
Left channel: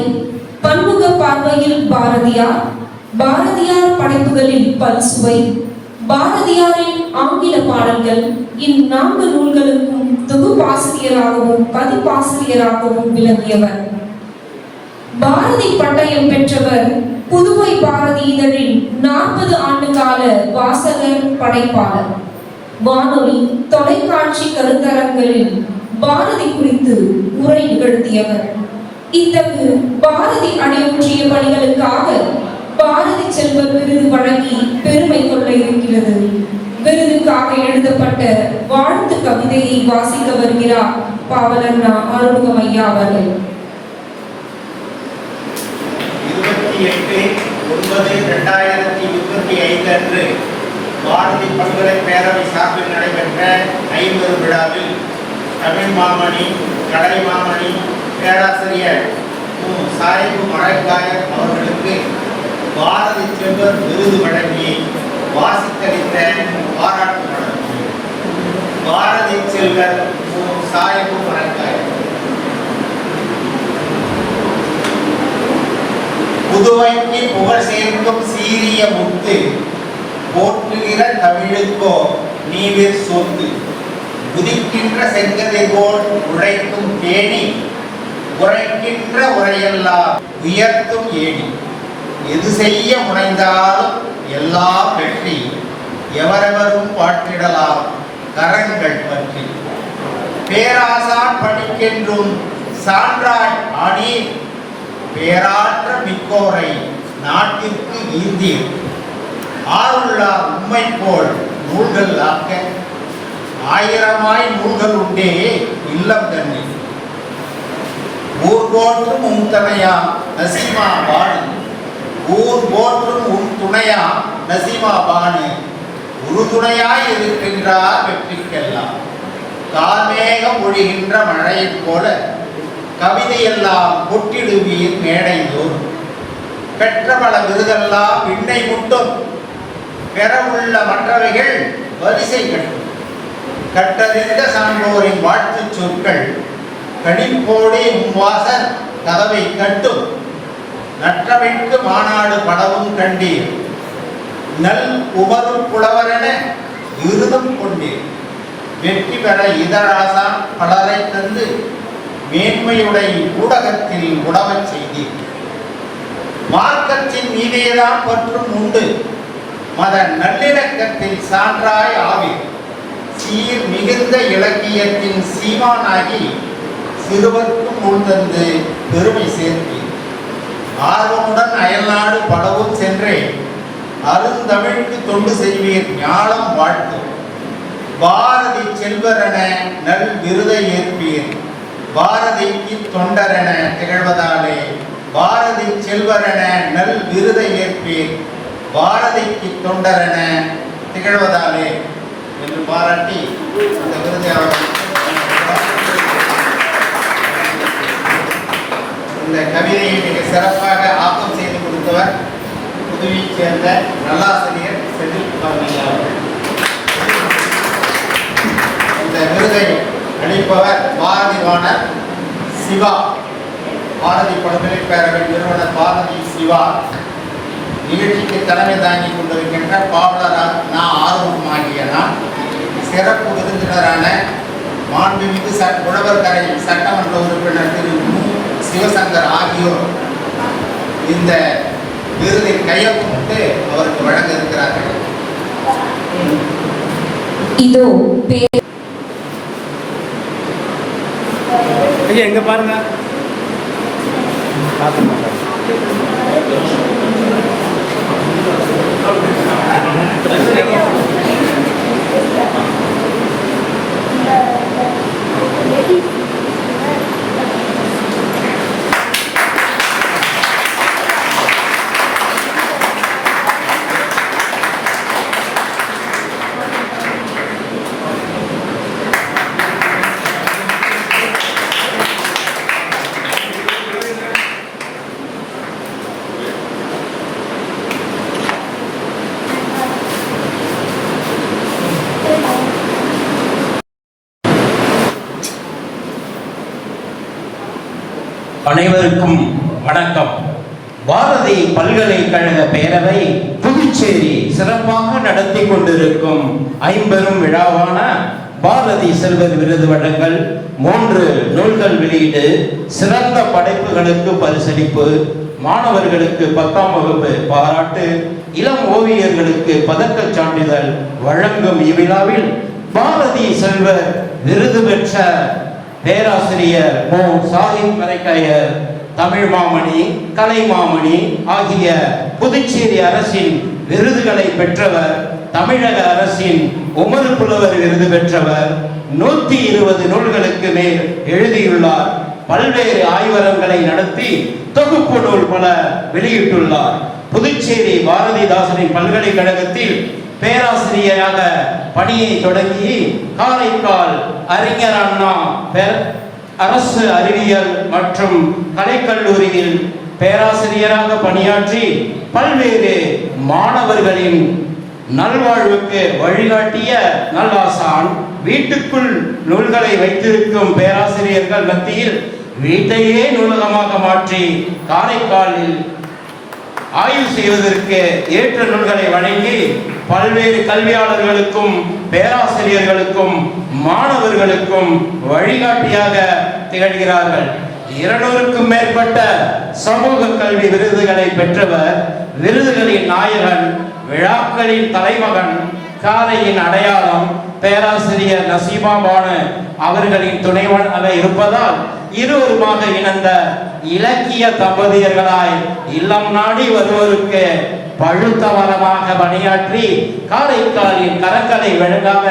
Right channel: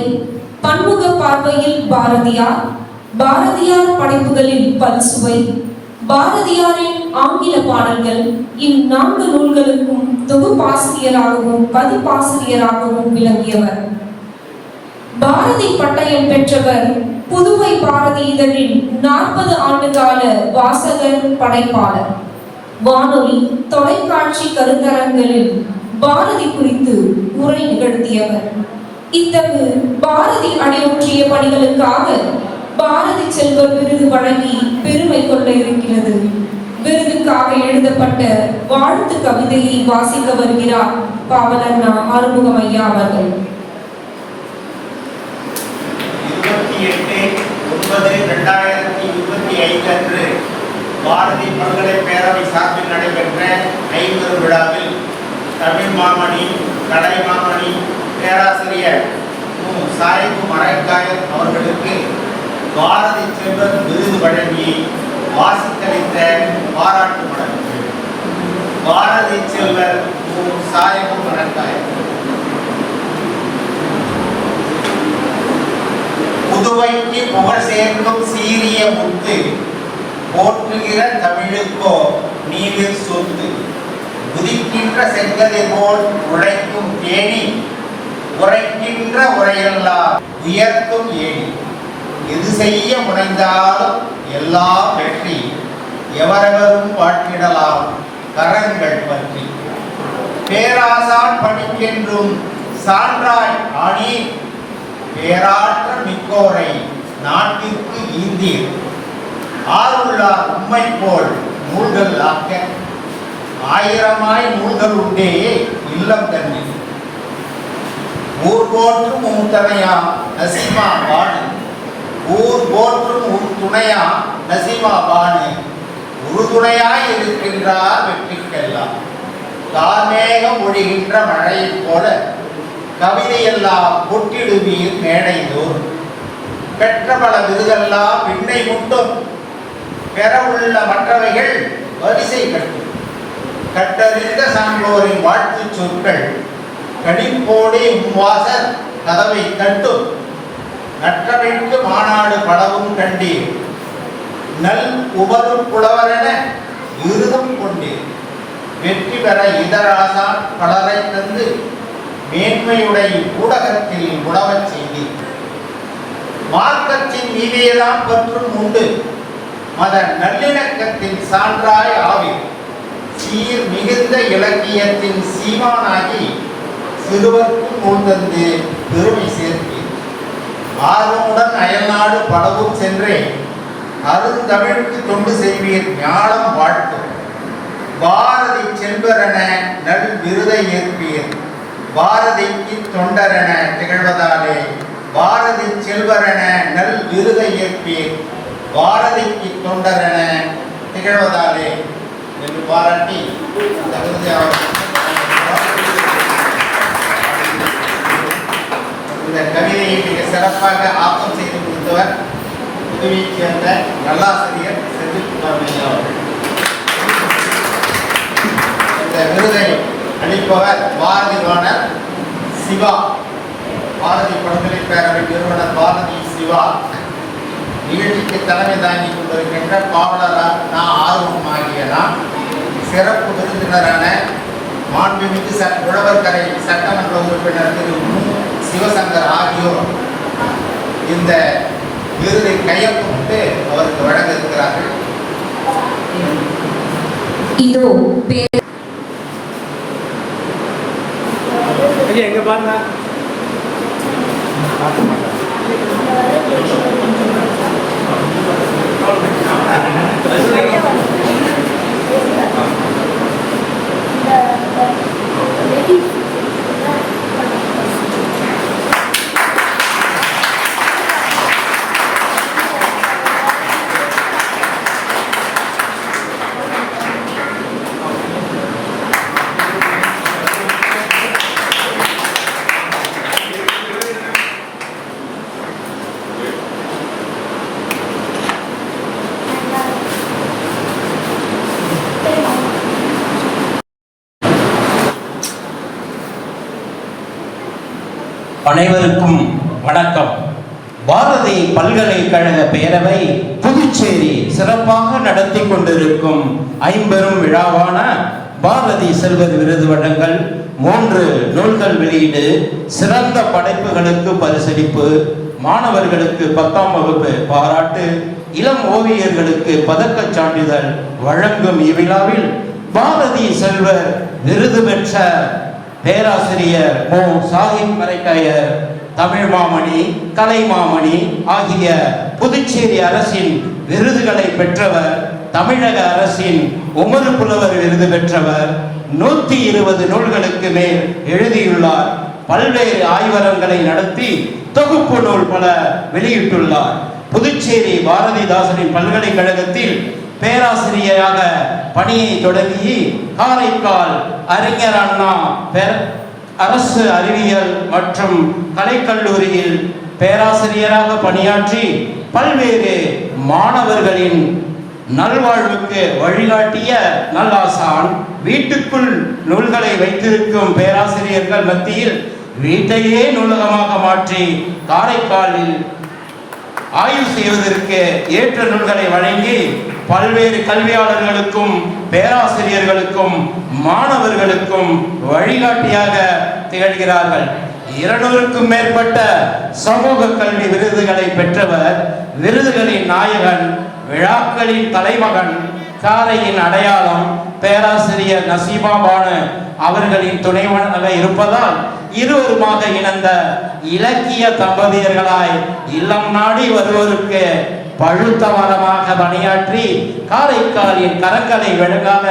பன்முக பார்வையில் பாரதியார், பாரதியார் படைப்புகளில் பல்சுவை, பாரதியாரின் ஆங்கில பாடல்கள் இந்நான்கு நூல்களுக்கும் தொகுப்பாசிரியராகவும் பதிப்பாசிரியராகவும் விளங்கியவர். பாரதி பட்டயம் பெற்றவர். புதுவை பாரதி இதழில் 40 ஆண்டுகால வாசகர் படைப்பாளர். வானொலி தொலைக்காட்சி கருத்தரங்களில் பாரதி குறித்து உரை நிகழ்த்தியவர். இத்தகு பாரதி அடியொற்றிய பணிகளுக்காக பாரதி செல்வர் விருது வழங்கி பெருமை கொள்ள இருக்கிறது. விருதுக்காக எழுதப்பட்ட வாழ்த்து கவிதையை வாசிக்க வருகிறார் பாவலர் ஆறுமுகம் ஐயா அவர்கள். 28/9/2025 அன்று பாரதி பல்கலை பேரவை சார்பில் நடைபெற்ற 50 விழாவில் தமிழ் மாமணி, கலை மாமணி பேராசிரியர் மு. சாய்பு மரைக்காயர் அவர்களுக்கு பாரதி செல்வர் விருது வழங்கி வாசித்தளித்த பாராட்டு மடல். பாரதி செல்வர் மு. சாய்பு மரைக்காயர். புதுவைக்கு புகழ் சேர்க்கும் சீரிய முத்து, போற்றுகிற தமிழுக்கோ நீவிர் சொத்து, உதிக்கின்ற செங்கதிர் போல் உழைக்கும் தேனி, உரைக்கின்ற உரையெல்லாம் உயர்த்தும் ஏணி, எது செய்ய முனைந்தால் எல்லாம் வெற்றி, எவரெவரும் பாட்டிடலாம் கரங்கள் பற்றி, பேராசான் பணிக்கென்றும் சான்றாய் ஆணி, பேராற்ற மிக்கோரை நாட்டிற்கு ஈந்தீர், ஆருள்ளார் உம்மை போல் நூல்கள் ஆக்க, ஆயிரமாய் நூல்கள் உண்டே இல்லம் தண்ணீர், ஊர் போற்றும் உம் துணையா நசீமா பாணு, ஊர் போற்றும் உம் துணையா நசீமா பாணு, உறுதுணையாய் இருக்கின்றார் வெற்றிக்கெல்லாம், கார்மேகம் ஒழிகின்ற மழையைப் போல கவிதையெல்லாம் கொட்டிடுவீர் மேடை தோறும், பெற்ற பல விருதெல்லாம் விண்ணை முட்டும், பெற உள்ள மற்றவைகள் வரிசை கட்டும், கட்டறிந்த சான்றோரின் வாழ்த்து சொற்கள் கணிப்போடே உம்வாசல் கதவை தட்டும், நற்றமைக்கு மாநாடு படவும் கண்டீர், நல் உபரும் புலவரென விருதும் கொண்டீர், வெற்றி பெற இதழாசான் பலரை தந்து மேன்மையுடைய ஊடகத்தில் உடவச் செய்தீர், மார்க்கத்தின் நீதியெல்லாம் பற்றும் உண்டு, மத நல்லிணக்கத்தில் சான்றாய் ஆவீர், சீர் மிகுந்த இலக்கியத்தின் சீமானாகி சிறுவர்க்கும் நூல் தந்து பெருமை சேர்த்தீர், ஆர்வமுடன் அயல்நாடு படவும் சென்றே அருந்தமிழுக்கு தொண்டு செய்வீர் ஞானம் வாழ்த்து, பாரதி செல்வரென நல் விருதை ஏற்பீர், பாரதிக்கு தொண்டரென திகழ்வதாலே பாரதி செல்வரென நல் விருதை ஏற்பீர், பாரதிக்கு தொண்டரென திகழ்வதாலே என்று பாராட்டி இந்த விருதை அவர் இந்த கவிதையை மிக சிறப்பாக ஆக்கம் செய்து கொடுத்தவர் புதுவையைச் சேர்ந்த நல்லாசிரியர் செந்தில் அவர்கள். இந்த விருதை அளிப்பவர் பாரதிவாணர் சிவா, பாரதி பல்கலைக் பேரவை நிறுவனர் பாரதி சிவா. நிகழ்ச்சிக்கு தலைமை தாங்கிக் கொண்டிருக்கின்ற பாவலர் ஆர்வம் ஆகிய நான், சிறப்பு விருந்தினரான மாண்புமிகு உழவர்கரை சட்டமன்ற உறுப்பினர் திரு மு. சிவசங்கர் ஆகியோர் இந்த விருதை கையொப்பமிட்டு அவருக்கு வழங்க இருக்கிறார்கள். இதோ எங்க பாருங்க. அனைவருக்கும் வணக்கம். பாரதி பல்கலைக்கழக பேரவை புதுச்சேரி சிறப்பாக நடத்தி கொண்டிருக்கும் ஐம்பெரும் விழாவான பாரதி செல்வர் விருது வழங்கல், 3 நூல்கள் வெளியீடு, சிறந்த படைப்புகளுக்கு பரிசளிப்பு, மாணவர்களுக்கு 10ஆம் வகுப்பு பாராட்டு, இளம் ஓவியர்களுக்கு பதக்கச் சான்றிதழ் வழங்கும் இவ்விழாவில் பாரதி செல்வர் விருது பெற்ற பேராசிரியர் மு. சாஹிப் மரைக்காயர், தமிழ் மாமணி, கலை மாமணி ஆகிய புதுச்சேரி அரசின் விருதுகளை பெற்றவர், தமிழக அரசின் உமறு புலவர் விருது பெற்றவர், 120 நூல்களுக்கு மேல் எழுதியுள்ளார். பல்வேறு ஆய்வகங்களை நடத்தி தொகுப்பு நூல் பல வெளியிட்டுள்ளார். புதுச்சேரி பாரதிதாசனின் பல்கலைக்கழகத்தில் பேராசிரியராக பணியை தொடங்கி காரைக்கால் அறிஞர் அண்ணா அரசு அறிவியல் மற்றும் கலைக்கல்லூரியில் பேராசிரியராக பணியாற்றி பல்வேறு மாணவர்களின் நல்வாழ்வுக்கு வழிகாட்டிய நல்லாசான். வீட்டுக்குள் நூல்களை வைத்திருக்கும் பேராசிரியர்கள் மத்தியில் வீட்டையே நூலகமாக மாற்றி காரைக்காலில் ஆய்வு செய்வதற்கு ஏற்ற நூல்களை வழங்கி பல்வேறு கல்வியாளர்களுக்கும் பேராசிரியர்களுக்கும் மாணவர்களுக்கும் வழிகாட்டியாக திகழ்கிறார்கள். 200க்கும் மேற்பட்ட சமூக கல்வி விருதுகளை பெற்றவர், விருதுகளின் நாயகன், விழாக்களின் தலைமகன், காரையின் அடையாளம். பேராசிரியர் நசீமா பானு அவர்களின் துணைவனாக இருப்பதால் இருவருமாக இணைந்த இலக்கிய தம்பதியர்களாய் இல்லம் நாடி வருவோருக்கு பழுத்த மரமாக பணியாற்றி காரைக்காலின் கரக்கலை விளங்காக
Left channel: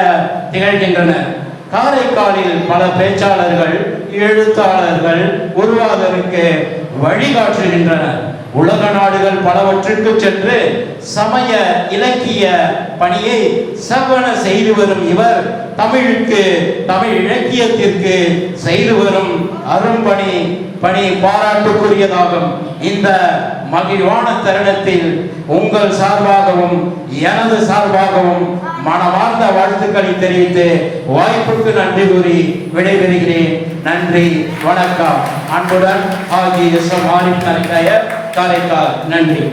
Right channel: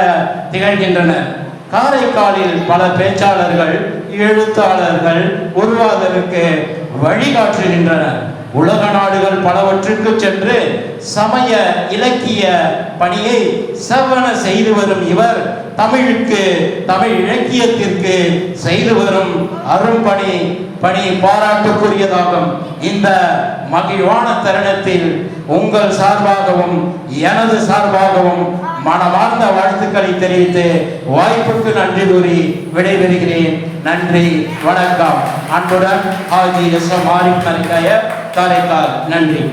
திகழ்கின்றனர். காரைக்காலில் பல பேச்சாளர்கள், எழுத்தாளர்கள் உருவாவதற்கு வழிகாட்டுகின்றனர். உலக நாடுகள் பலவற்றுக்கு சென்று சமய இலக்கிய பணியை செவ்வன செய்து வரும் இவர் தமிழுக்கு, தமிழ் இலக்கியத்திற்கு செய்து வரும் அரும்பணி பாராட்டுக்குரியதாகும். இந்த மகிழ்வான தருணத்தில் உங்கள் சார்பாகவும் எனது சார்பாகவும் மனமார்ந்த வாழ்த்துக்களை தெரிவித்து வாய்ப்புக்கு நன்றி கூறி விடைபெறுகிறேன். நன்றி, வணக்கம். அன்புடன் ஆதி எஸ். ஆரிஃப் மரைக்காயர், காரைக்கால். நன்றி.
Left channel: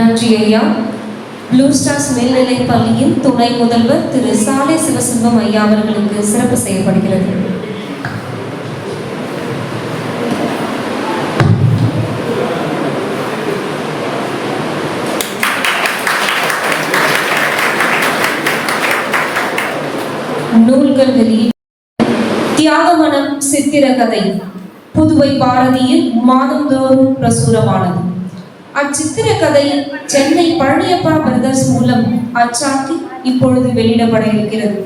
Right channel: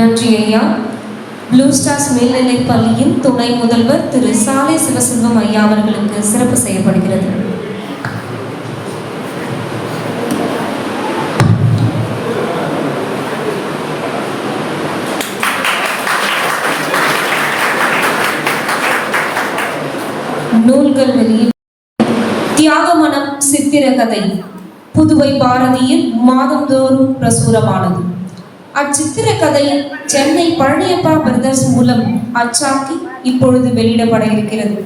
நன்றி ஐயா. ப்ளூ ஸ்டார்ஸ் மேல்நிலைப் பள்ளியின் துணை முதல்வர் திரு சாலை சிவசிங்கம் ஐயா அவர்களுக்கு சிறப்பு செய்யப்படுகிறது. நூல்கள் வெளியீடு. தியாகமனம் சித்திரகதை புதுவை பாரதியில் மாதந்தோறும் பிரசுரமானது. அச்சித்திரக்கதை சென்னை பழனியப்பா பிரதர்ஸ் மூலம் அச்சாக்கி இப்பொழுது வெளியிடப்பட இருக்கிறது.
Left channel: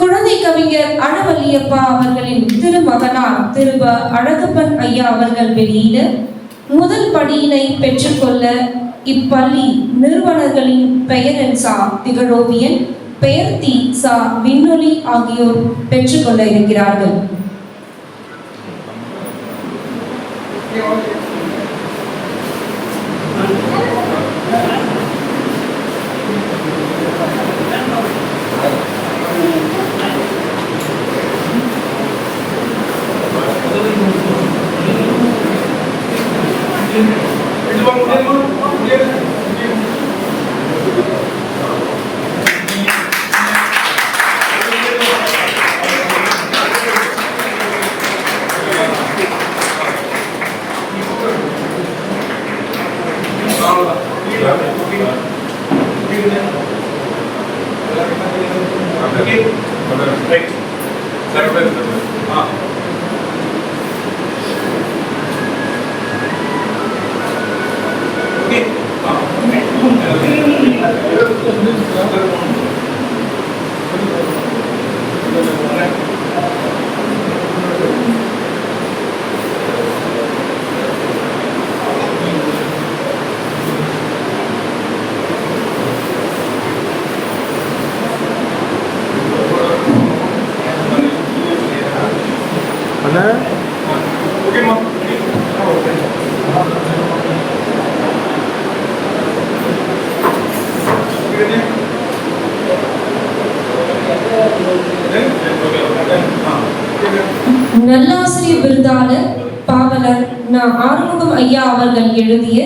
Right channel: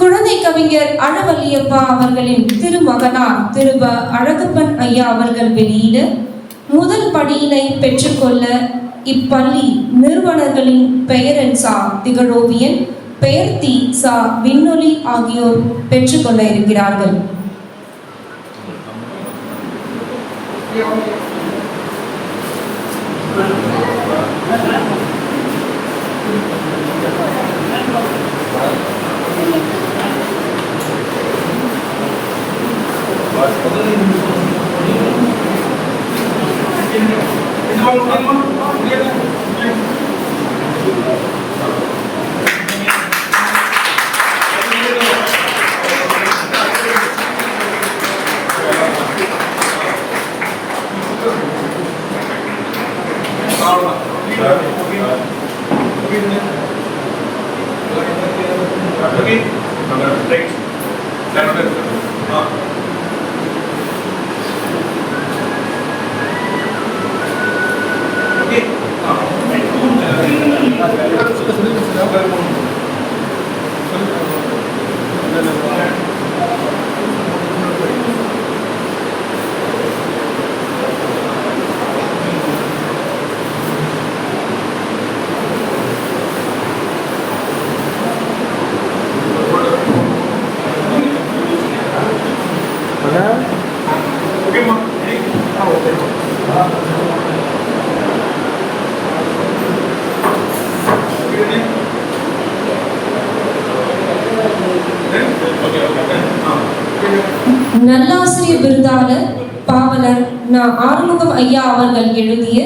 குழந்தை கவிஞர் அழவல்லியப்பா அவர்களின் திருமகனார் திரு அழகப்பன் ஐயா அவர்கள் வெளியிட முதல் படியினை பெற்றுக்கொள்ள இப்பள்ளி நிறுவனர்களின் பெயரன் சா திகழோவியன், பெயர்த்தி சா விண்ணொலி ஆகியோர் பெற்றுக்கொள்ள இருக்கிறார்கள். நல்லாசிரியர் விருதாளர் பாவலர் ஆறுமுகம் ஐயா அவர்கள் எழுதிய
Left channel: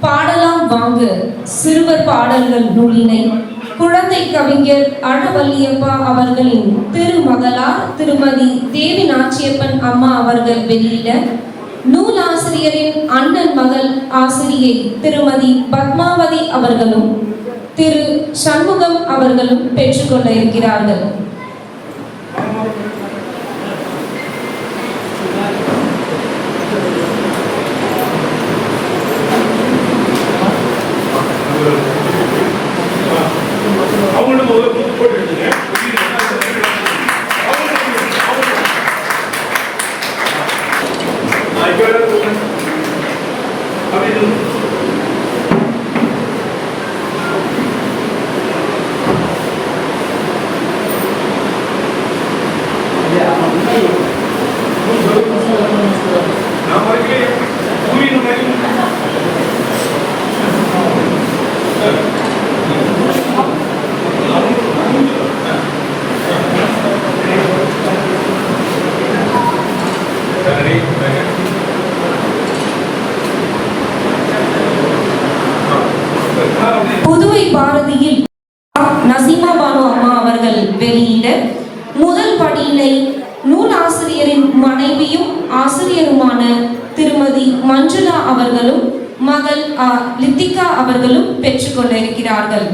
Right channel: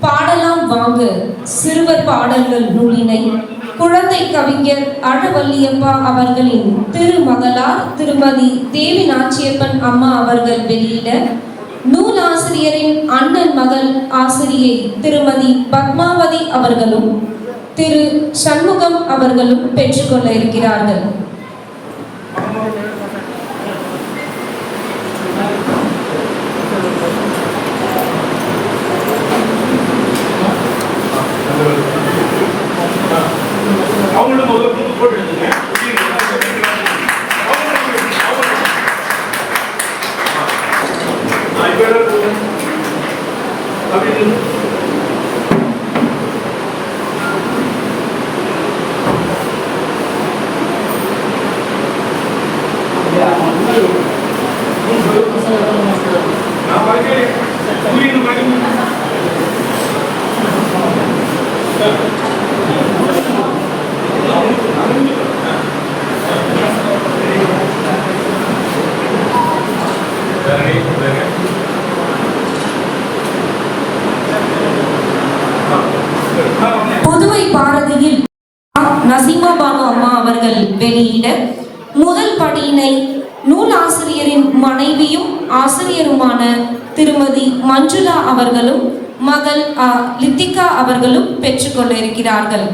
பாடலாம் வாங்க சிறுவர் பாடல்கள் நூலினை குழந்தை கவிஞர் அழவல்லியப்பா அவர்களின் திருமகளார் திருமதி தேவி நாச்சியப்பன் அம்மா அவர்கள் வெளியிட நூலாசிரியரின் அண்ணன் மகள் ஆசிரியை திருமதி பத்மாவதி அவர்களும் திரு சண்முகம் அவர்களும் பெற்றுக்கொள்ள இருக்கிறார்கள். புதுவை பாரதியில் நசீமா பானு அம்மா அவர்கள் வெளியிட முதல் படியினை நூலாசிரியரின் மனைவியும் ஆசிரியருமான திருமதி மஞ்சுளா அவர்களும் மகள் லித்திகா அவர்களும் பெற்றுக்கொள்ள இருக்கிறார்கள்.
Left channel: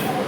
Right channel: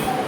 வாங்க